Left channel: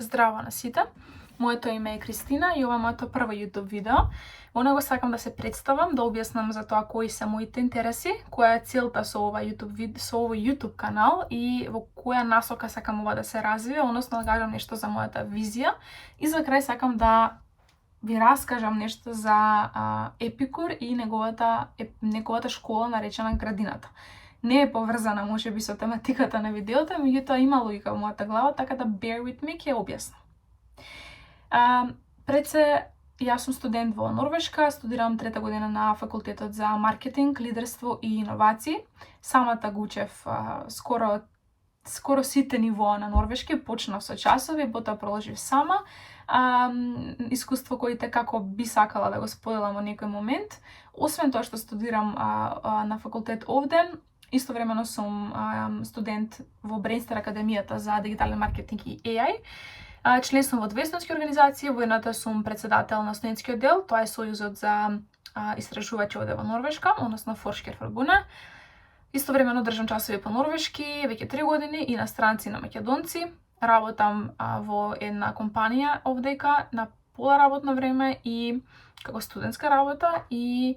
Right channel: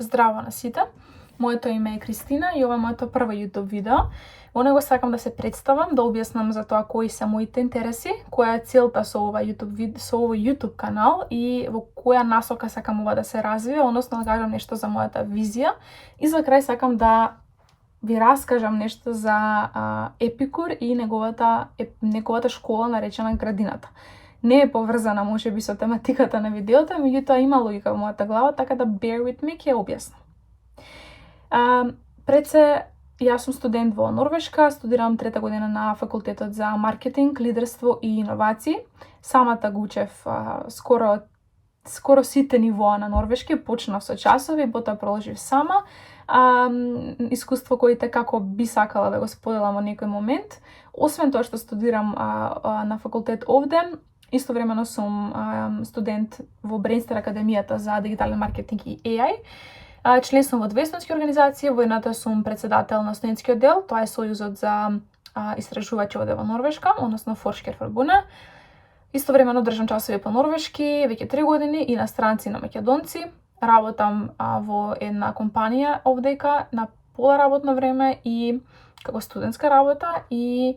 Здраво на сите. Моето име е Кристина и ова е моето прво YouTube видео. Во него сакам да се представам, да објаснам за тоа кои се моите интереси, која е целта со овој YouTube канал и во која насока сакам ова да се развива, односно да кажам нешто за мојата визија. И за крај сакам да ви раскажам нешто за Епикур и неговата школа наречена Градината. Не е поврзана можеби со тематиката на видеото, меѓутоа има логика во мојата глава, така да bear with me, ќе објаснам. Пред се, јас сум студент во Норвешка, студирам трета година на факултетот за маркетинг, лидерство и иновации. Самата го учев скоро сите нивоа на норвешки, почнав со часови, потоа продолжив сама. Искуство кои како би сакала да го споделам во некој момент. Освен тоа што студирам на факултет овде, истовремено сум студент во Брейнстер академијата за дигитален маркетинг и AI. Член сум во две студентски организации, во едната сум председател на студентскиот дел, тоа е Сојузот за истражувачи овде во Норвешка, односно Forskerforbundet. Истовремено држам часови по норвешки веќе 3 години и на странци и на македонци. Работам во една компанија овдека на пола работно време и како студентска работа и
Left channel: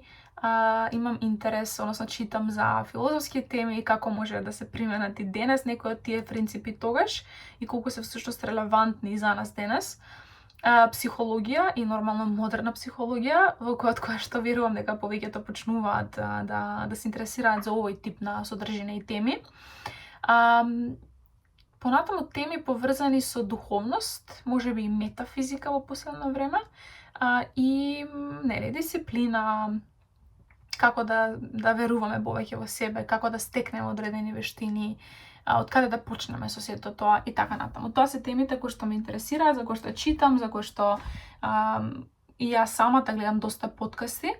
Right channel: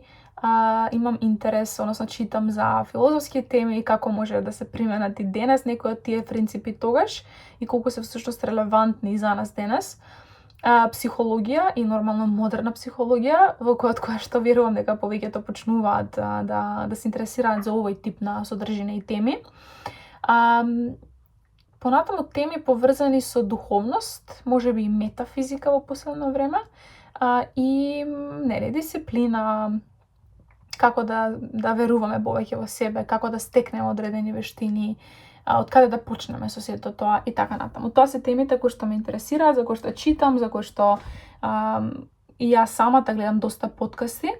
имам интерес, односно читам за филозофски теми и како може да се применат и денес некои од тие принципи тогаш и колку се всушност релевантни за нас денес. Психологија и нормално модерна психологија, во која што верувам дека повеќето почнуваат да се интересираат за овој тип на содржина и теми. Понатаму теми поврзани со духовност, можеби и метафизика во последно време, и дисциплина, како да веруваме повеќе во себе, како да стекнеме одредени вештини, од каде да почнеме со сето тоа и така натаму. Тоа се темите кои што ме интересираат, за кои што читам, за кои што и јас самата гледам доста подкасти.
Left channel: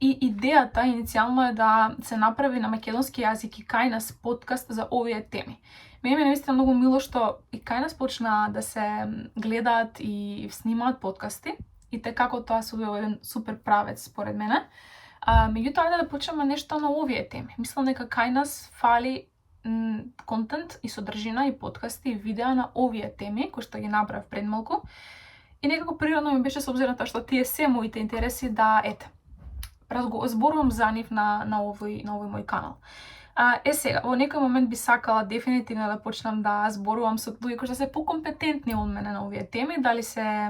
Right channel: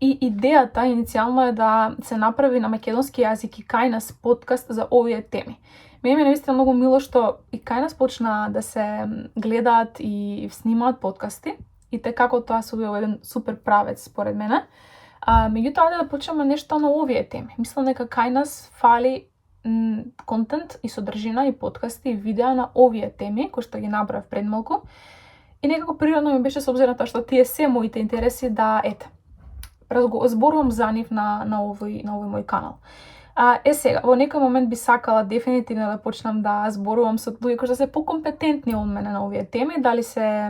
И идејата иницијално е да се направи на македонски јазик и кај нас подкаст за овие теми. Мене наистина многу мило што и кај нас почна да се гледаат и снимаат подкасти и како тоа се одвива еден супер правец според мене. Меѓутоа да почнеме нешто на овие теми. Мислам дека кај нас фали контент и содржина и подкасти и видеа на овие теми кои што ги набрав пред малку. И некако природно ми беше со обзир на тоа што тие се моите интереси да зборувам за нив на овој мој канал. Сега, во некој момент би сакала дефинитивно да почнам да зборувам со луѓе кои што се покомпетентни од мене на овие теми, дали се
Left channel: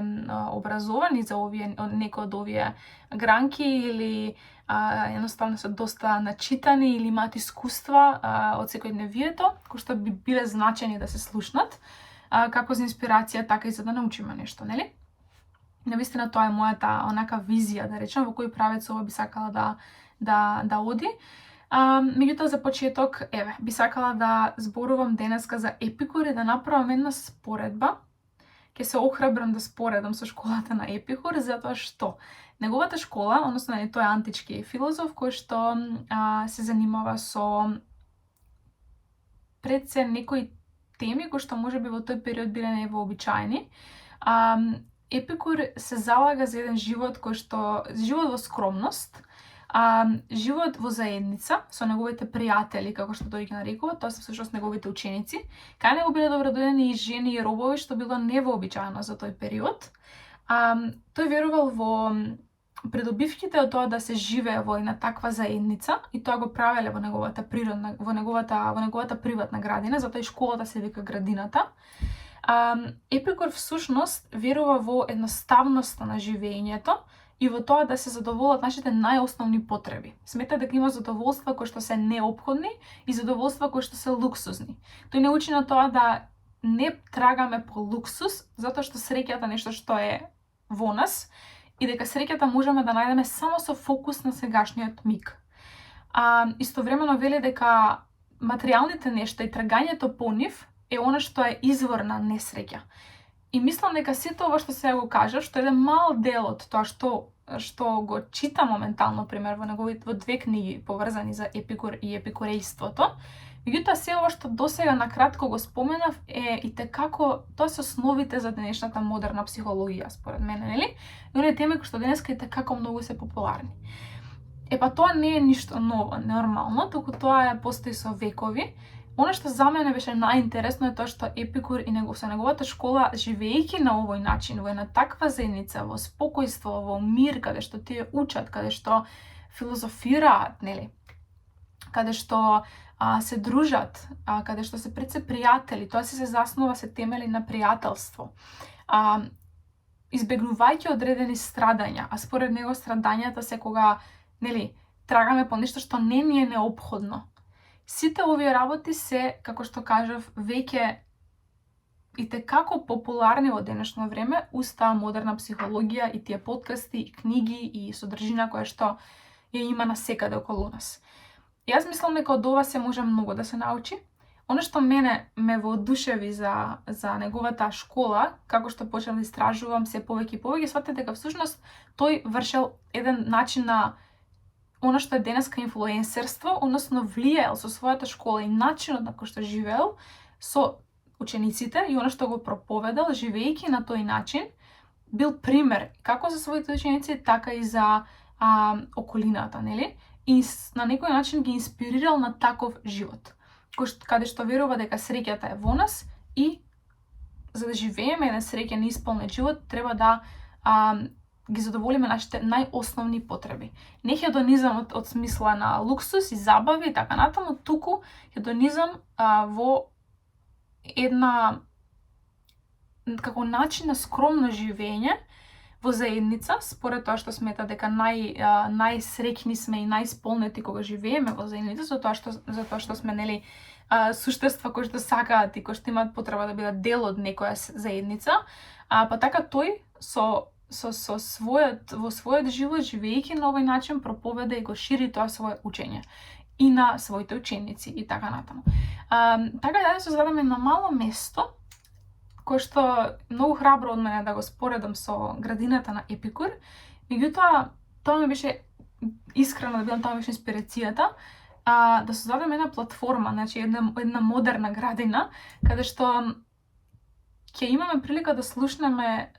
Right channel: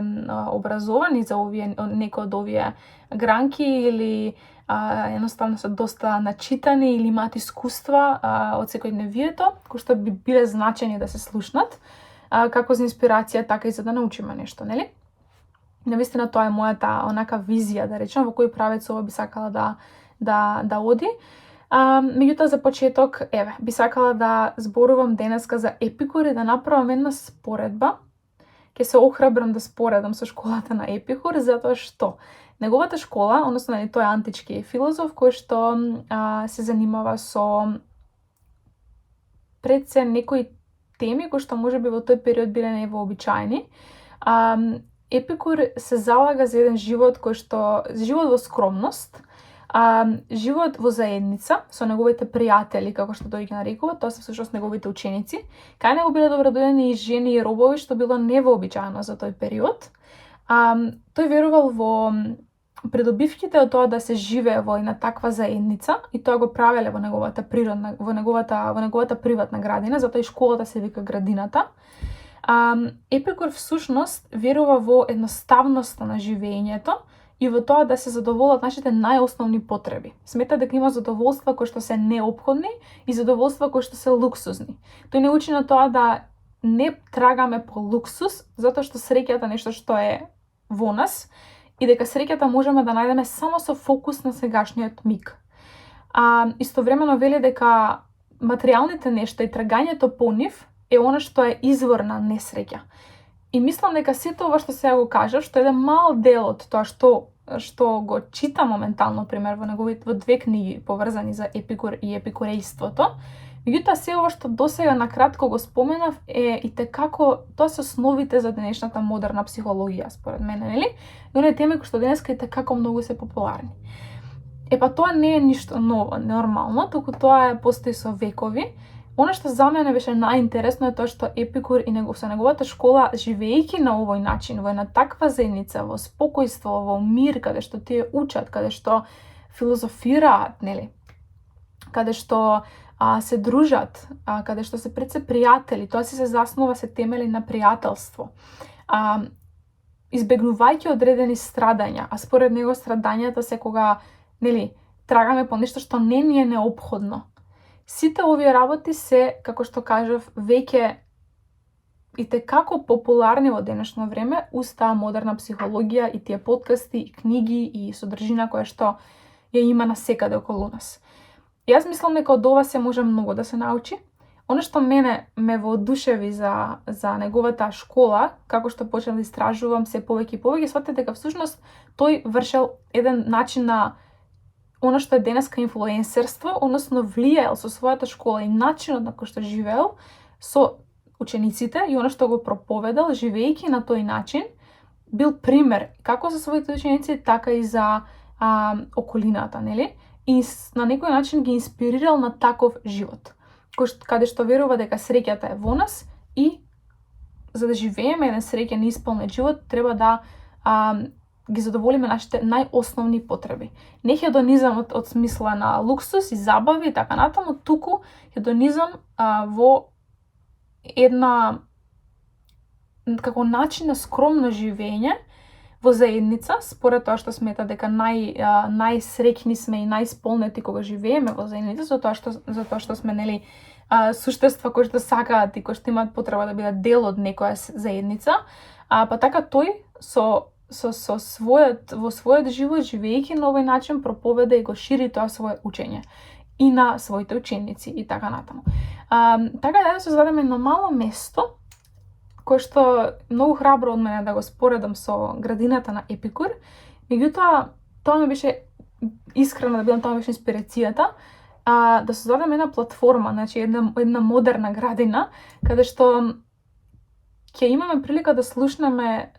образовани за некои од овие гранки или едноставно се доста начитани или имаат искуства од секојдневието, кои што би биле значени да се слушнат, како за инспирација, така и за да научиме нешто, нели? Навистина тоа е мојата онака визија, да речем, во кој правец ова би сакала да оди. Меѓутоа за почеток, би сакала да зборувам денеска за Епикур и да направам една споредба. Ќе се охрабрам да споредам со школата на Епикур, затоа што неговата школа, односно тој е антички филозоф кој што се занимава со пред се некои теми кои што можеби во тој период биле невообичаени. Епикур се залага за еден живот живот во скромност, живот во заедница со неговите пријатели, како што тој ги нарекува, тоа се всушност неговите ученици. Кај него биле добродојдени и жени и робови, што било невообичаено за тој период. Тој верувал во придобивките од тоа да се живее во една таква заедница и тоа го правеле во неговата приватна градина, затоа и школата се вика Градината. Епикур всушност верува во едноставноста на живеењето и во тоа да се задоволат нашите најосновни потреби. Смета дека има задоволства кои што се неопходни и задоволства кои што се луксузни. Тој не учи на тоа да не трагаме по луксус, затоа што среќата е нешто што е во нас и дека среќата можеме да најдеме само со фокус на сегашниот миг. Истовремено вели дека материјалните нешта и трагањето по нив е она што е извор на несреќа. И мислам дека сето ова што сега го кажав, што е еден мал дел од тоа што го читам моментално, пример, во две книги поврзани за Епикур и епикурејството. Меѓутоа, се ова што досега накратко го споменав е и како тоа се основите за денешната модерна психологија, според мене, нели? И оние теми кои што денеска и како многу се популарни. Тоа не е ништо ново, нормално, туку тоа постои со векови. Оно што за мене беше најинтересно е тоа што Епикур и со неговата школа, живеејќи на овој начин, во една таква заедница, во спокојство, во мир, каде што тие учат, каде што филозофираат, нели? Каде што се дружат, каде што се пред се пријатели, тоа се заснова, се темели на пријателство. Избегнувајќи одредени страдања, а според него страдањата се кога, нели, трагаме по нешто што не ни е неопходно. Сите овие работи се, како што кажав, веќе и текако популарни во денешно време уз таа модерна психологија и тие подкасти, и книги, и содржина која што ја има насекаде околу нас. Јас мислам дека од ова се може многу да се научи. Оно што мене ме воодушеви за неговата школа, како што почнав да истражувам се повеќе и повеќе, сватив дека всушност тој вршел еден начин на оно што е денеска инфлуенсерство, односно влијаел со својата школа и начинот на кој што живеел со учениците и оно што го проповедал, живеејќи на тој начин, бил пример како за своите ученици, така и за околината, нели? И на некој начин ги инспирирал на таков живот, каде што верува дека среќата е во нас и за да живееме еден среќен и исполнет живот, треба да ги задоволиме нашите најосновни потреби. Не хедонизамот од смисла на луксус и забави и така натаму, туку хедонизам во една како начин на скромно живење во заедница, според тоа што смета дека најсреќни сме и најисполнети кога живееме во заедница, затоа што сме, нели, суштества кои што сакаат и кои што имаат потреба да бидат дел од некоја заедница, па така тој во својот живот, живеејќи на овој начин, проповеда и го шири тоа свое учење и на своите ученици и така натаму. Така да се зададеме на мало место, кој што многу храбро од мене да го споредам со градината на Епикур, меѓутоа тоа ми беше искрено да бидам, тоа ми беше инспирацијата, да создадеме една платформа, значи една модерна градина, каде што ќе имаме прилика да слушнеме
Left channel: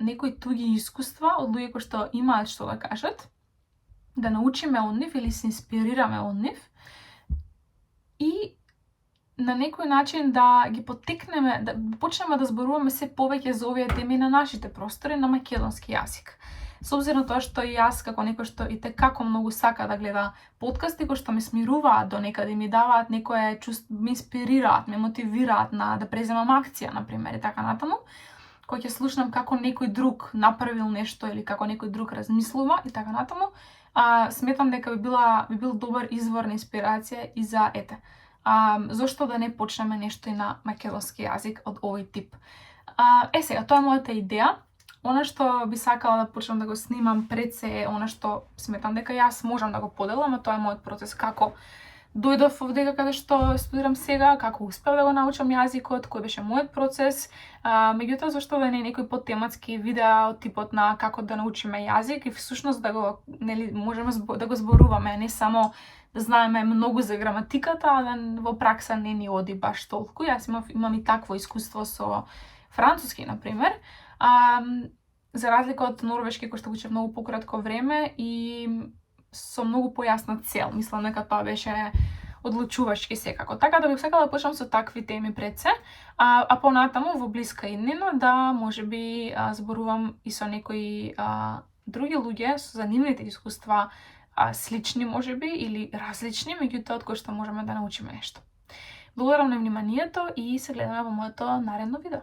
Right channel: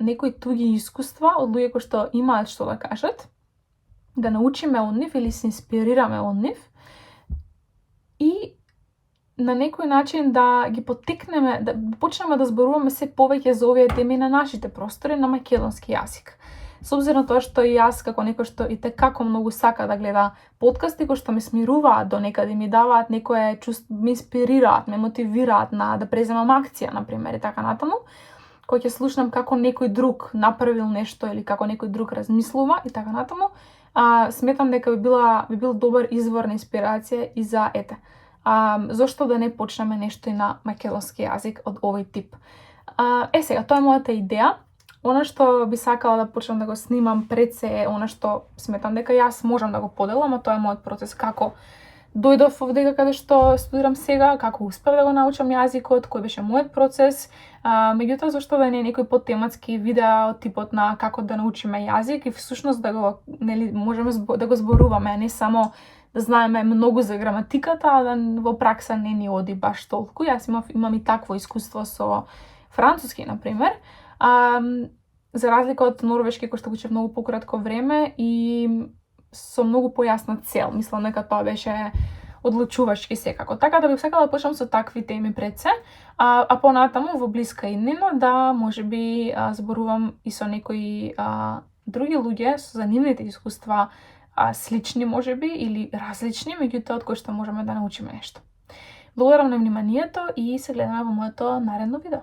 некои туги искуства од луѓе кои што имаат што да кажат, да научиме од нив или се инспирираме од нив и на некој начин да ги поттикнеме, да почнеме да зборуваме се повеќе за овие теми на нашите простори на македонски јазик. Со обзир на тоа што и јас, како некој што и текако многу сака да гледа подкасти кои што ме смируваат до некаде, ми даваат некое чувство, ме инспирираат, ме мотивираат да преземам акција, например, и така натаму, кој ќе слушнам како некој друг направил нешто или како некој друг размислува и така натаму, сметам дека би бил добар извор на инспирација и за зошто да не почнеме нешто и на македонски јазик од овој тип. Сега, тоа е мојата идеја. Она што би сакала да почнам да го снимам пред се е она што сметам дека јас можам да го поделам, а тоа е мојот процес како дојдов овде каде што студирам сега, како успев да го научам јазикот, кој беше мојот процес, меѓутоа зашто да не е некој подтематски видео типот на како да научиме јазик и всушност да го, нели, можеме да го зборуваме, а не само да знаеме многу за граматиката, а да во пракса не ни оди баш толку. Јас имам и такво искуство со француски, например, за разлика од норвешки кој што учев многу пократко време и со многу појасна цел. Мислам дека тоа беше одлучувачки секако. Така да бих сакала да почнам со такви теми пред се, а понатаму во блиска иднина да можеби зборувам и со некои други луѓе со занимните искуства, слични можеби или различни, меѓутоа од кои што можеме да научиме нешто. Благодарам на вниманието и се гледаме во моето наредно видео.